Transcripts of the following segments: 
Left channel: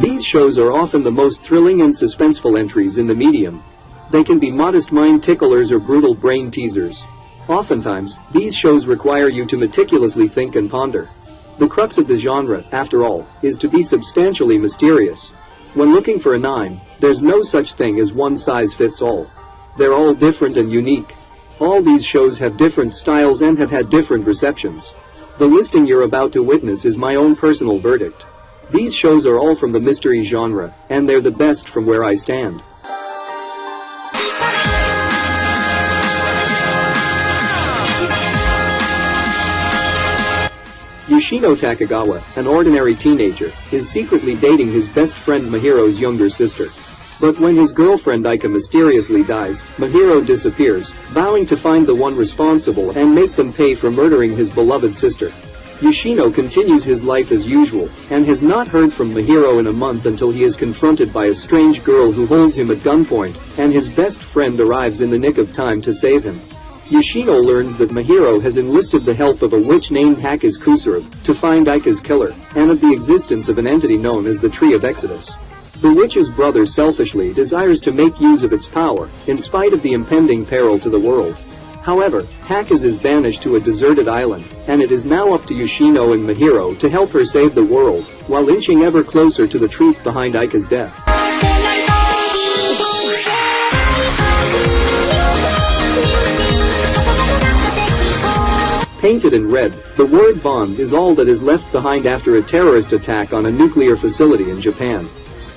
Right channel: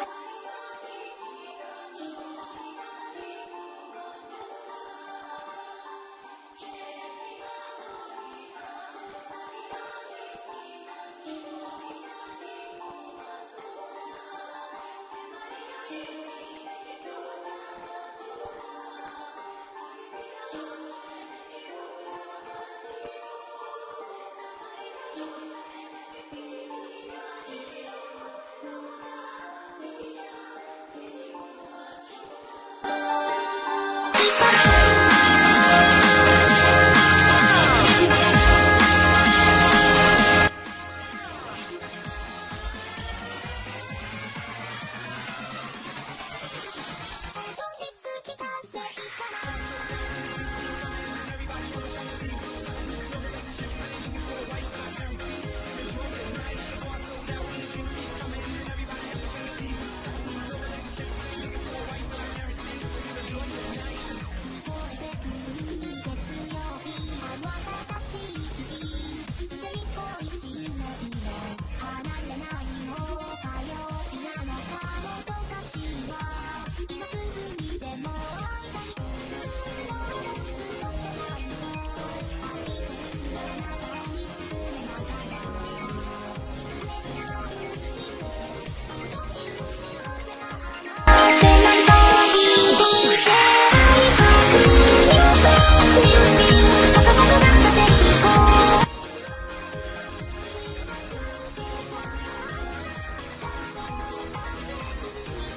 These shows are often the most thrilling and suspenseful entries in the medium. They can be modest mind ticklers or brutal brain teasers. Oftentimes, these shows require you to meticulously think and ponder. The crux of the genre, after all, is to be substantially mysterious. When looking for a 9, there's no such thing as one size fits all. They're all different and unique. All these shows have different styles and have had different receptions. The listing you're about to witness is my own personal verdict. These shows are all from the mystery genre, and they're the best from where I stand. Yoshino Takagawa, an ordinary teenager, is secretly dating his best friend Mihiro's younger sister. But when his girlfriend Aika mysteriously dies, Mihiro disappears, vowing to find the one responsible and make them pay for murdering his beloved sister. Yoshino continues his life as usual, and has not heard from Mihiro in a month until he is confronted by a strange girl who holds him at gunpoint, and his best friend arrives in the nick of time to save him. Yoshino learns that Mihiro has enlisted the help of a witch named Hakiz Kusuru to find Aika's killer, and of the existence of an entity known as the Tree of Exodus. The witch's brother selfishly desires to make use of its power, in spite of the impending peril to the world. However, Hakiz is banished to a deserted island, and it is now up to Yoshino and Mihiro to help her save the world, while inching ever closer to the truth behind Aika's death. Painted in red, the word bomb is all that is left behind after a terrorist attack on a nuclear facility in Japan.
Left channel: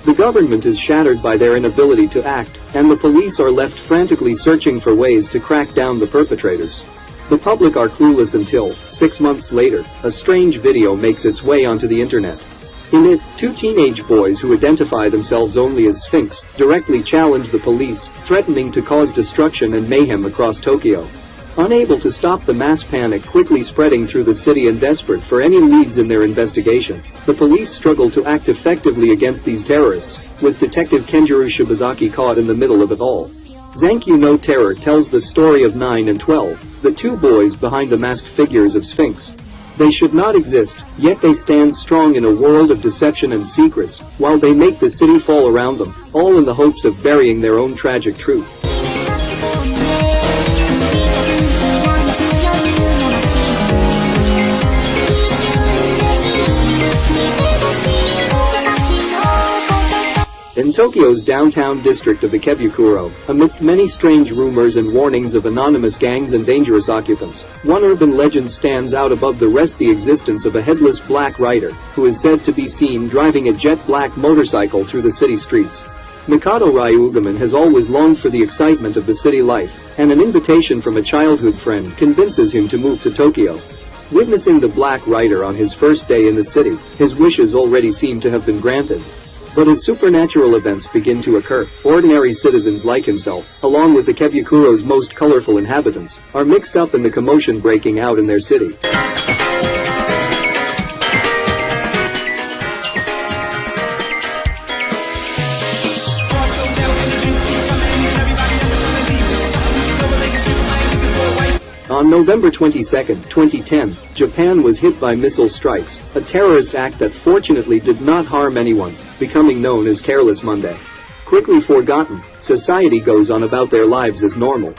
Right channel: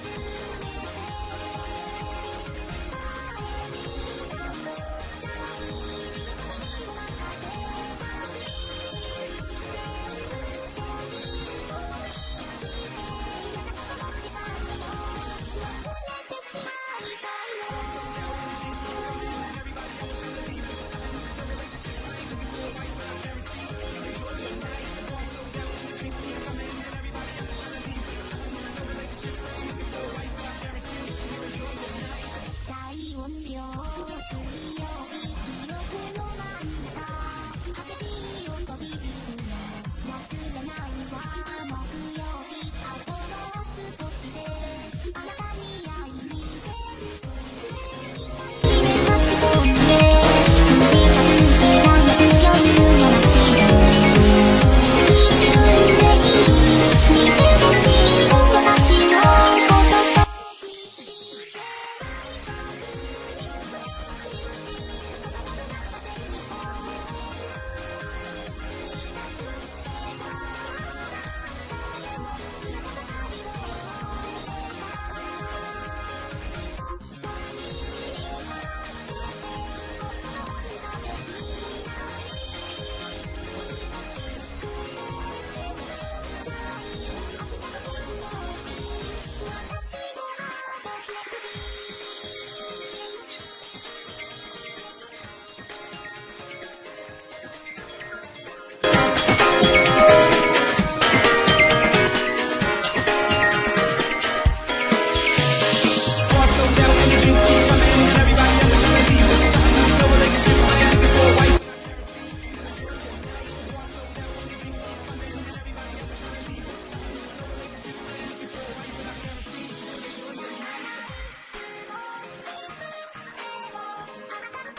The government is shattered by their inability to act, and the police are left frantically searching for ways to crack down the perpetrators. The public are clueless until, 6 months later, a strange video makes its way onto the internet. In it, 2 teenage boys who identify themselves only as Sphinx directly challenge the police, threatening to cause destruction and mayhem across Tokyo. Unable to stop the mass panic quickly spreading through the city and desperate for any leads in their investigation, the police struggle to act effectively against these terrorists, with Detective Kenjiro Shibazaki caught in the middle of it all. Zankyu no Terror tells the story of 9 and 12, the 2 boys behind the masked figures of Sphinx. They should not exist, yet they stand strong in a world of deception and secrets, while they make the city fall around them, all in the hopes of burying their own tragic truth. In Tokyo's downtown district of Ikebukuro, amidst many strange rumors and warnings of anonymous gangs and dangerous occupants, one urban legend stands out above the rest: the existence of a headless black rider, who is said to be seen driving a jet black motorcycle through the city streets. Mikado Ryugaman has always longed for the excitement of the city life, and an invitation from a childhood friend convinces him to move to Tokyo. Witnessing the black rider on his first day in the city, his wishes already seem to have been granted. But as supernatural events begin to occur, ordinary citizens like himself, along with Ikebukuro's most colorful inhabitants, are mixed up in the commotion breaking out in their city. On November 22, 2010, Japan was hit by missile strikes, a terrorist act that fortunately did not harm anyone, becoming known as Careless Monday. Quickly forgotten, society goes on about their lives as normal.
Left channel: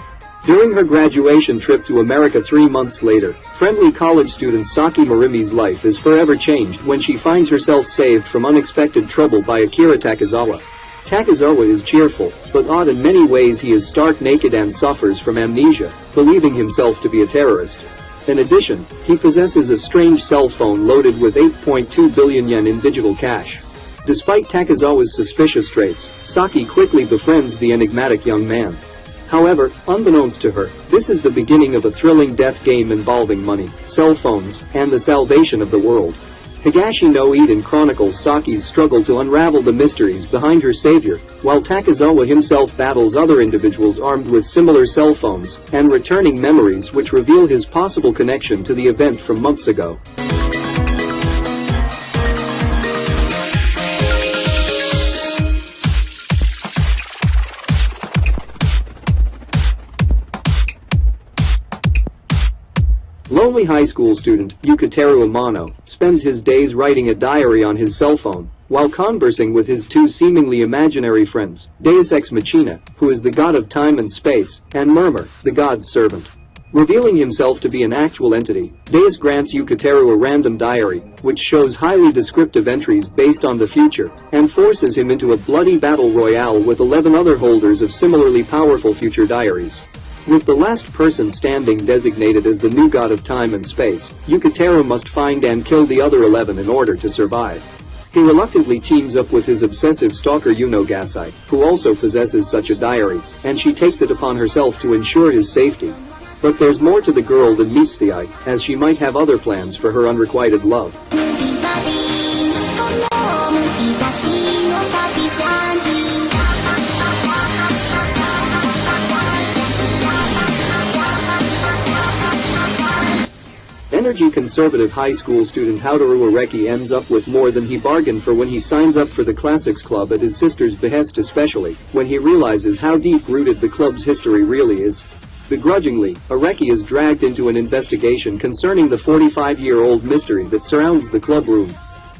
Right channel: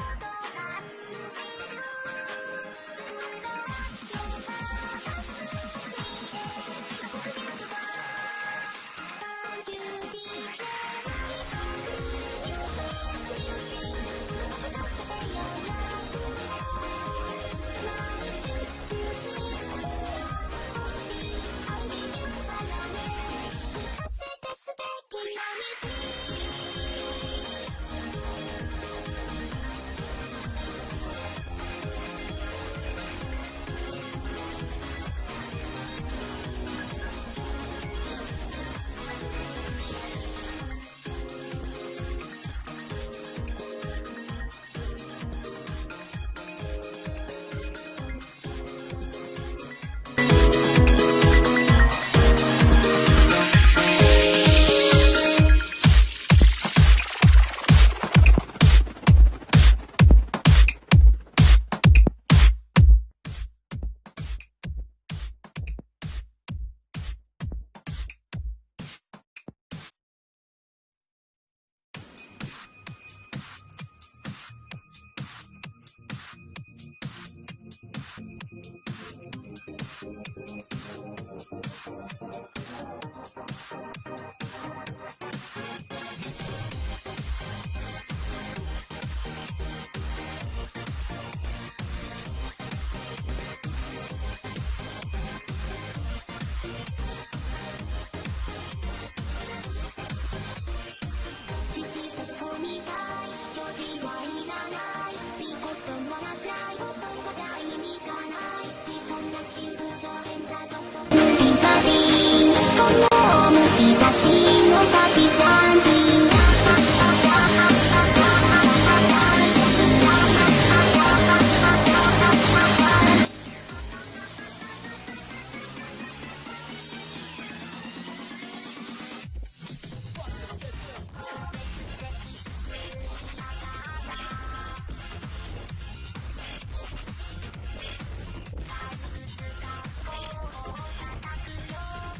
During her graduation trip to America 3 months later, friendly college student Saki Morimi's life is forever changed when she finds herself saved from unexpected trouble by Akira Takizawa. Takizawa is cheerful, but odd in many ways. He is stark naked and suffers from amnesia, believing himself to be a terrorist. In addition, he possesses a strange cell phone loaded with 8.2 billion yen in digital cash. Despite Takizawa's suspicious traits, Saki quickly befriends the enigmatic young man. However, unbeknownst to her, this is the beginning of a thrilling death game involving money, cell phones, and the salvation of the world. Higashi no Eden chronicles Saki's struggle to unravel the mysteries behind her savior, while Takizawa himself battles other individuals armed with similar cell phones, and returning memories which reveal his possible connection to the event from months ago. Lonely high school student Yukiteru Amano spends his days writing a diary on his cell phone while conversing with his two seemingly imaginary friends, Deus Ex Machina, who is the god of time and space, and Murmur, the god's servant. Revealing himself to be an actual entity, Deus grants Yukiteru a random diary, which shows highly descriptive entries based on the future, and forces him into a bloody battle royale with 11 other holders of similarly powerful future diaries. With the last person standing designated as the new god of time and space, Yukiteru must find and kill the other 11 in order to survive. He reluctantly teams up with his obsessive stalker Yuno Gasai, who also possesses such a diary, and she takes it upon herself to ensure his safety. But there's more to the girl than meets the eye, as she might have other plans for her unrequited love. Energy-conservative high school student Haotoru Areki ends up with more than he bargained for when he signs up for the Classics Club at his sister's behest, especially when he realizes how deep-rooted the club's history really is. Begrudgingly, Areki is dragged into an investigation concerning the 45-year-old mystery that surrounds the club room.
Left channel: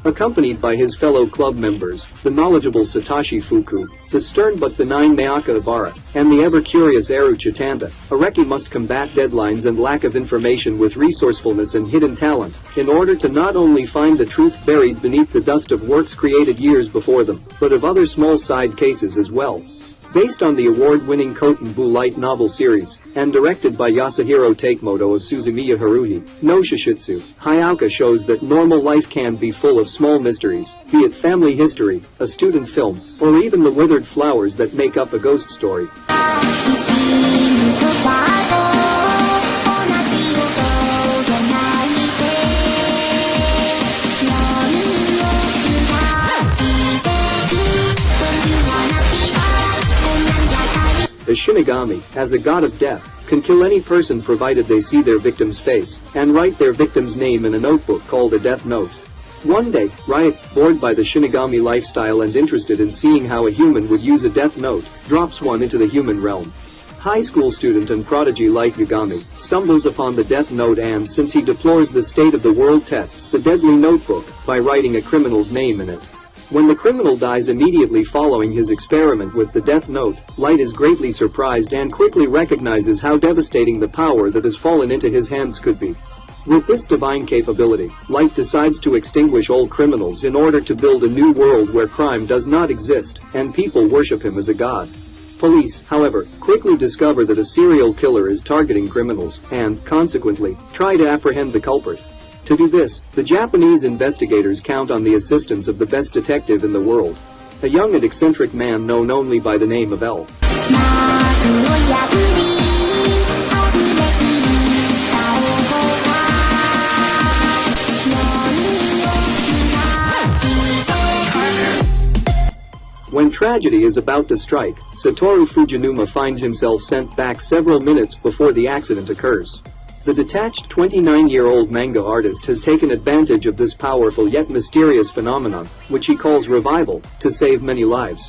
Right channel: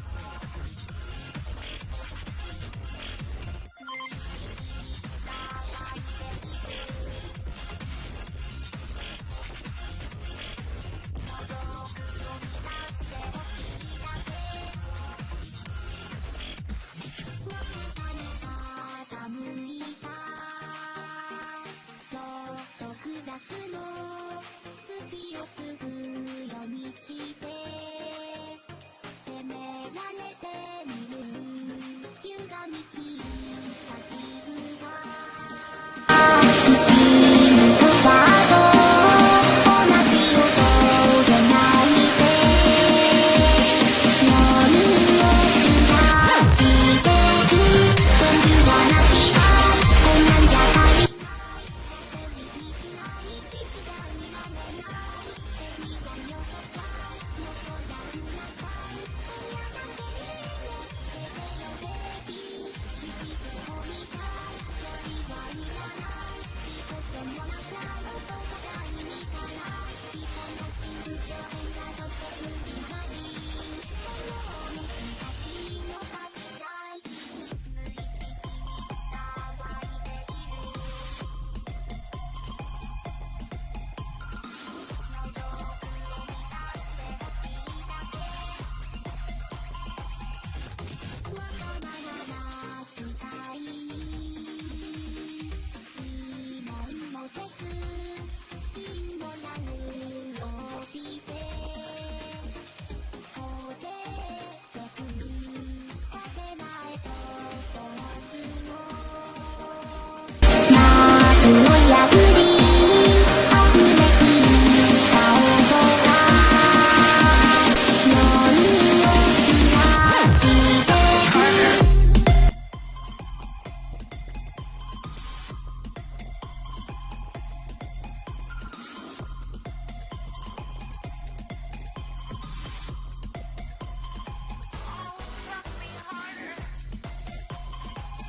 Accompanied by his fellow club members, the knowledgeable Satoshi Fuku, the stern but benign Mayaka Ibarra, and the ever-curious Eru Chitanda, Areki must combat deadlines and lack of information with resourcefulness and hidden talent, in order to not only find the truth buried beneath the dust of works created years before them, but of other small side cases as well. Based on the award-winning Kotenbu light novel series, and directed by Yasuhiro Takemoto of Suzumiya Haruhi, no Shishitsu, Hayao shows that normal life can be full of small mysteries, be it family history, a student film, or even the withered flowers that make up a ghost story. The Shinigami, as a god of death, can kill any person provided they see their victim's face, and write their victim's name in a notebook called a death note. One day, Riot, bored by the Shinigami lifestyle and interested in seeing how a human would use a death note, drops one into the human realm. High school student and prodigy Light Yagami stumbles upon the death note and, since he deplores the state of the world, tests the deadly notebook by writing a criminal's name in it. When the criminal dies immediately following his experiment with the death note, Light is greatly surprised and quickly recognizes how devastating the power that has fallen into his hands could be. With this divine capability, Light decides to extinguish all criminals in order to build a new world where crime does not exist, and people worship him as a god. Police, however, quickly discover that a serial killer is targeting criminals, and, consequently, try to apprehend the culprit. To do this, the Japanese investigators count on the assistance of the best detective in the world, a young and eccentric man known only by the name of L. When tragedy is about to strike, Satoru Fujinuma finds himself sent back several minutes before the accident occurs. The detached 29-year-old manga artist has taken advantage of this powerful yet mysterious phenomenon, which he calls revival, to save many lives.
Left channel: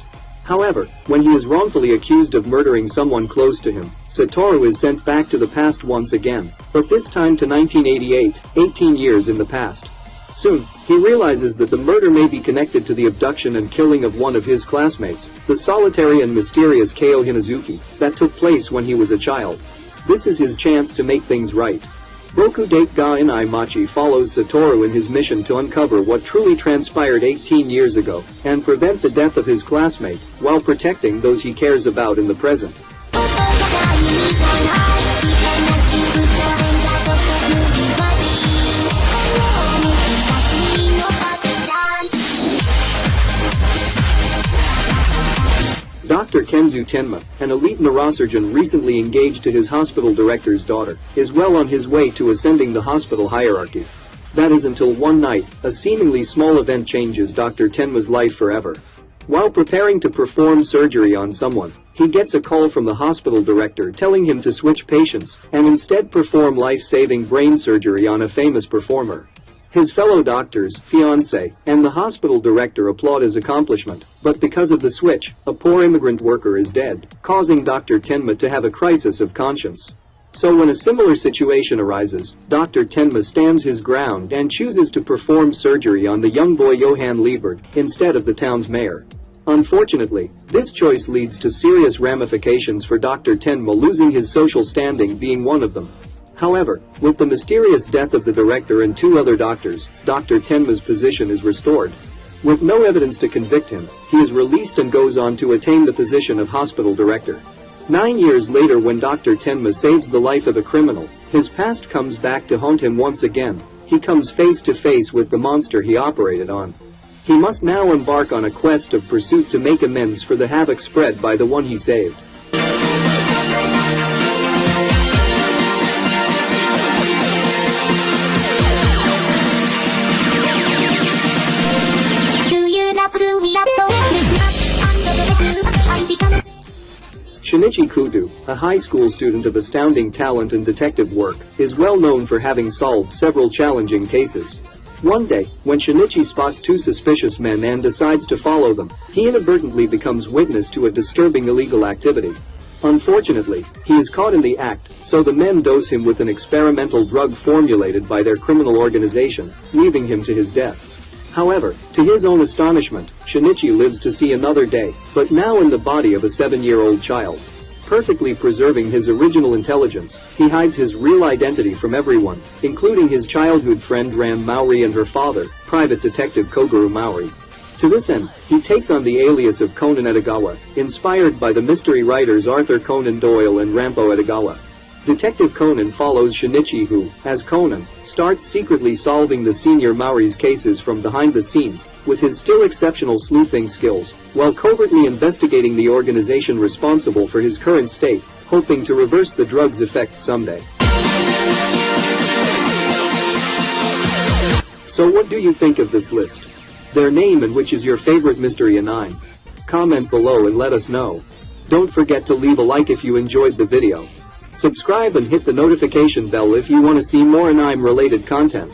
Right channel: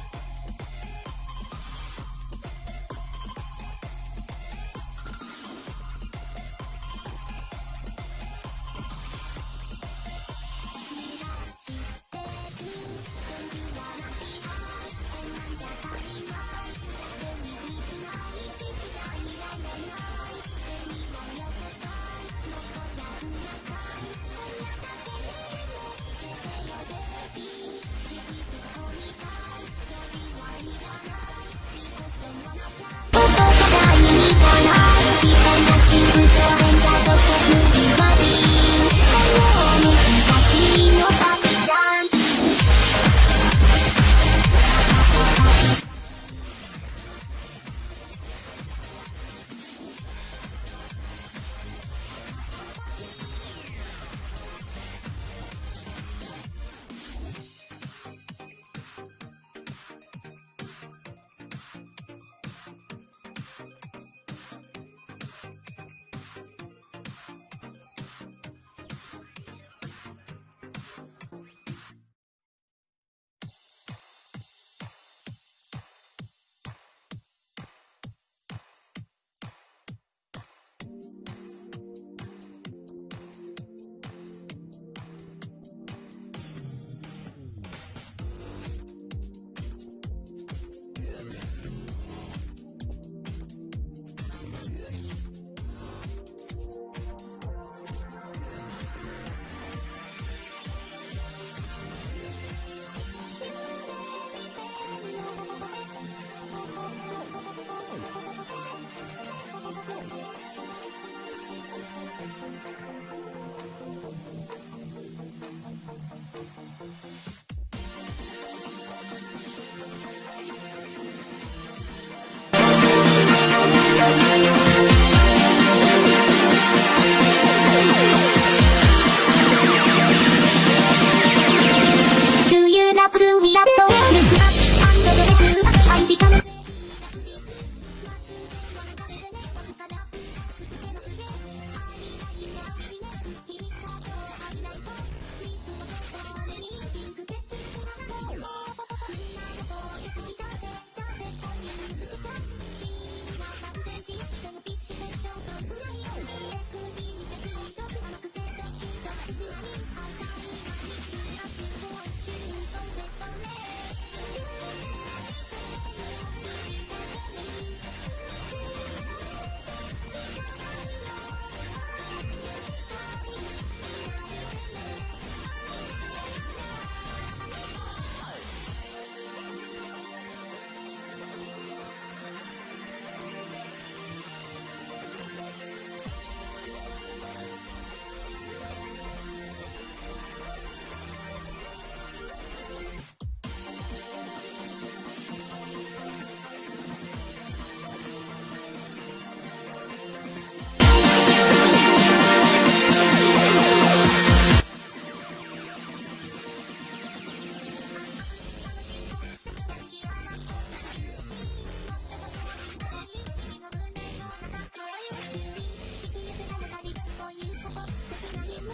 However, when he is wrongfully accused of murdering someone close to him, Satoru is sent back to the past once again, but this time to 1988, 18 years in the past. Soon, he realizes that the murder may be connected to the abduction and killing of one of his classmates, the solitary and mysterious Keo Hinazuki, that took place when he was a child. This is his chance to make things right. Boku Date ga Inai Machi follows Satoru in his mission to uncover what truly transpired 18 years ago, and prevent the death of his classmate, while protecting those he cares about in the present. Dr. Kenzu Tenma, an elite neurosurgeon recently engaged to his hospital director's daughter, is well on his way to ascending the hospital hierarchy. That is until one night, a seemingly small event changes Dr. Tenma's life forever. While preparing to perform surgery on someone, he gets a call from the hospital director telling him to switch patients, and instead perform life-saving brain surgery on a famous performer. His fellow doctors, fiancé, and the hospital director applaud his accomplishment, but because of the switch, a poor immigrant worker is dead, causing Dr. Tenma to have a crisis of conscience. So when a similar situation arises, Dr. Tenma stands his ground and chooses to perform surgery on the young boy Johan Liebert instead of the town's mayor. Unfortunately, this choice leads to serious ramifications for Dr. Tenma, losing his social standing being one of them. However, with the mysterious death of the director and 2 other doctors, Dr. Tenma's position is restored. With no evidence to convict him, he is released and goes on to attain the position of hospital director. 9 years later, when Dr. Tenma saves the life of a criminal, his past comes back to haunt him once again. He comes face to face with the monster he operated on. He must now embark on a quest of pursuit to make amends for the havoc spread by the one he saved. Shinichi Kudo, a high school student of astounding talent and detective work, is well known for having solved several challenging cases. One day, when Shinichi spots 2 suspicious men and decides to follow them, he inadvertently becomes witness to a disturbing illegal activity. Unfortunately, he is caught in the act, so the men dose him with an experimental drug formulated by their criminal organization, leaving him to his death. However, to his own astonishment, Shinichi lives to see another day, but now in the body of a 7-year-old child. Perfectly preserving his original intelligence, he hides his real identity from everyone, including his childhood friend Ram Maori and her father, Private Detective Kogoro Maori. To this end, he takes on the alias of Conan Edogawa, inspired by the mystery writers Arthur Conan Doyle and Rampo Edogawa. Detective Conan follows Shinichi, who, as Conan, starts secretly solving the senior Maori's cases from behind the scenes, with his still exceptional sleuthing skills, while covertly investigating the organization responsible for his current state, hoping to reverse the drug's effects someday. So what do you think of this list? Their name and which is your favorite mystery anime? Comment below and let us know. Don't forget to leave a like if you enjoyed the video. Subscribe and hit the notification bell if you want to see more anime related content.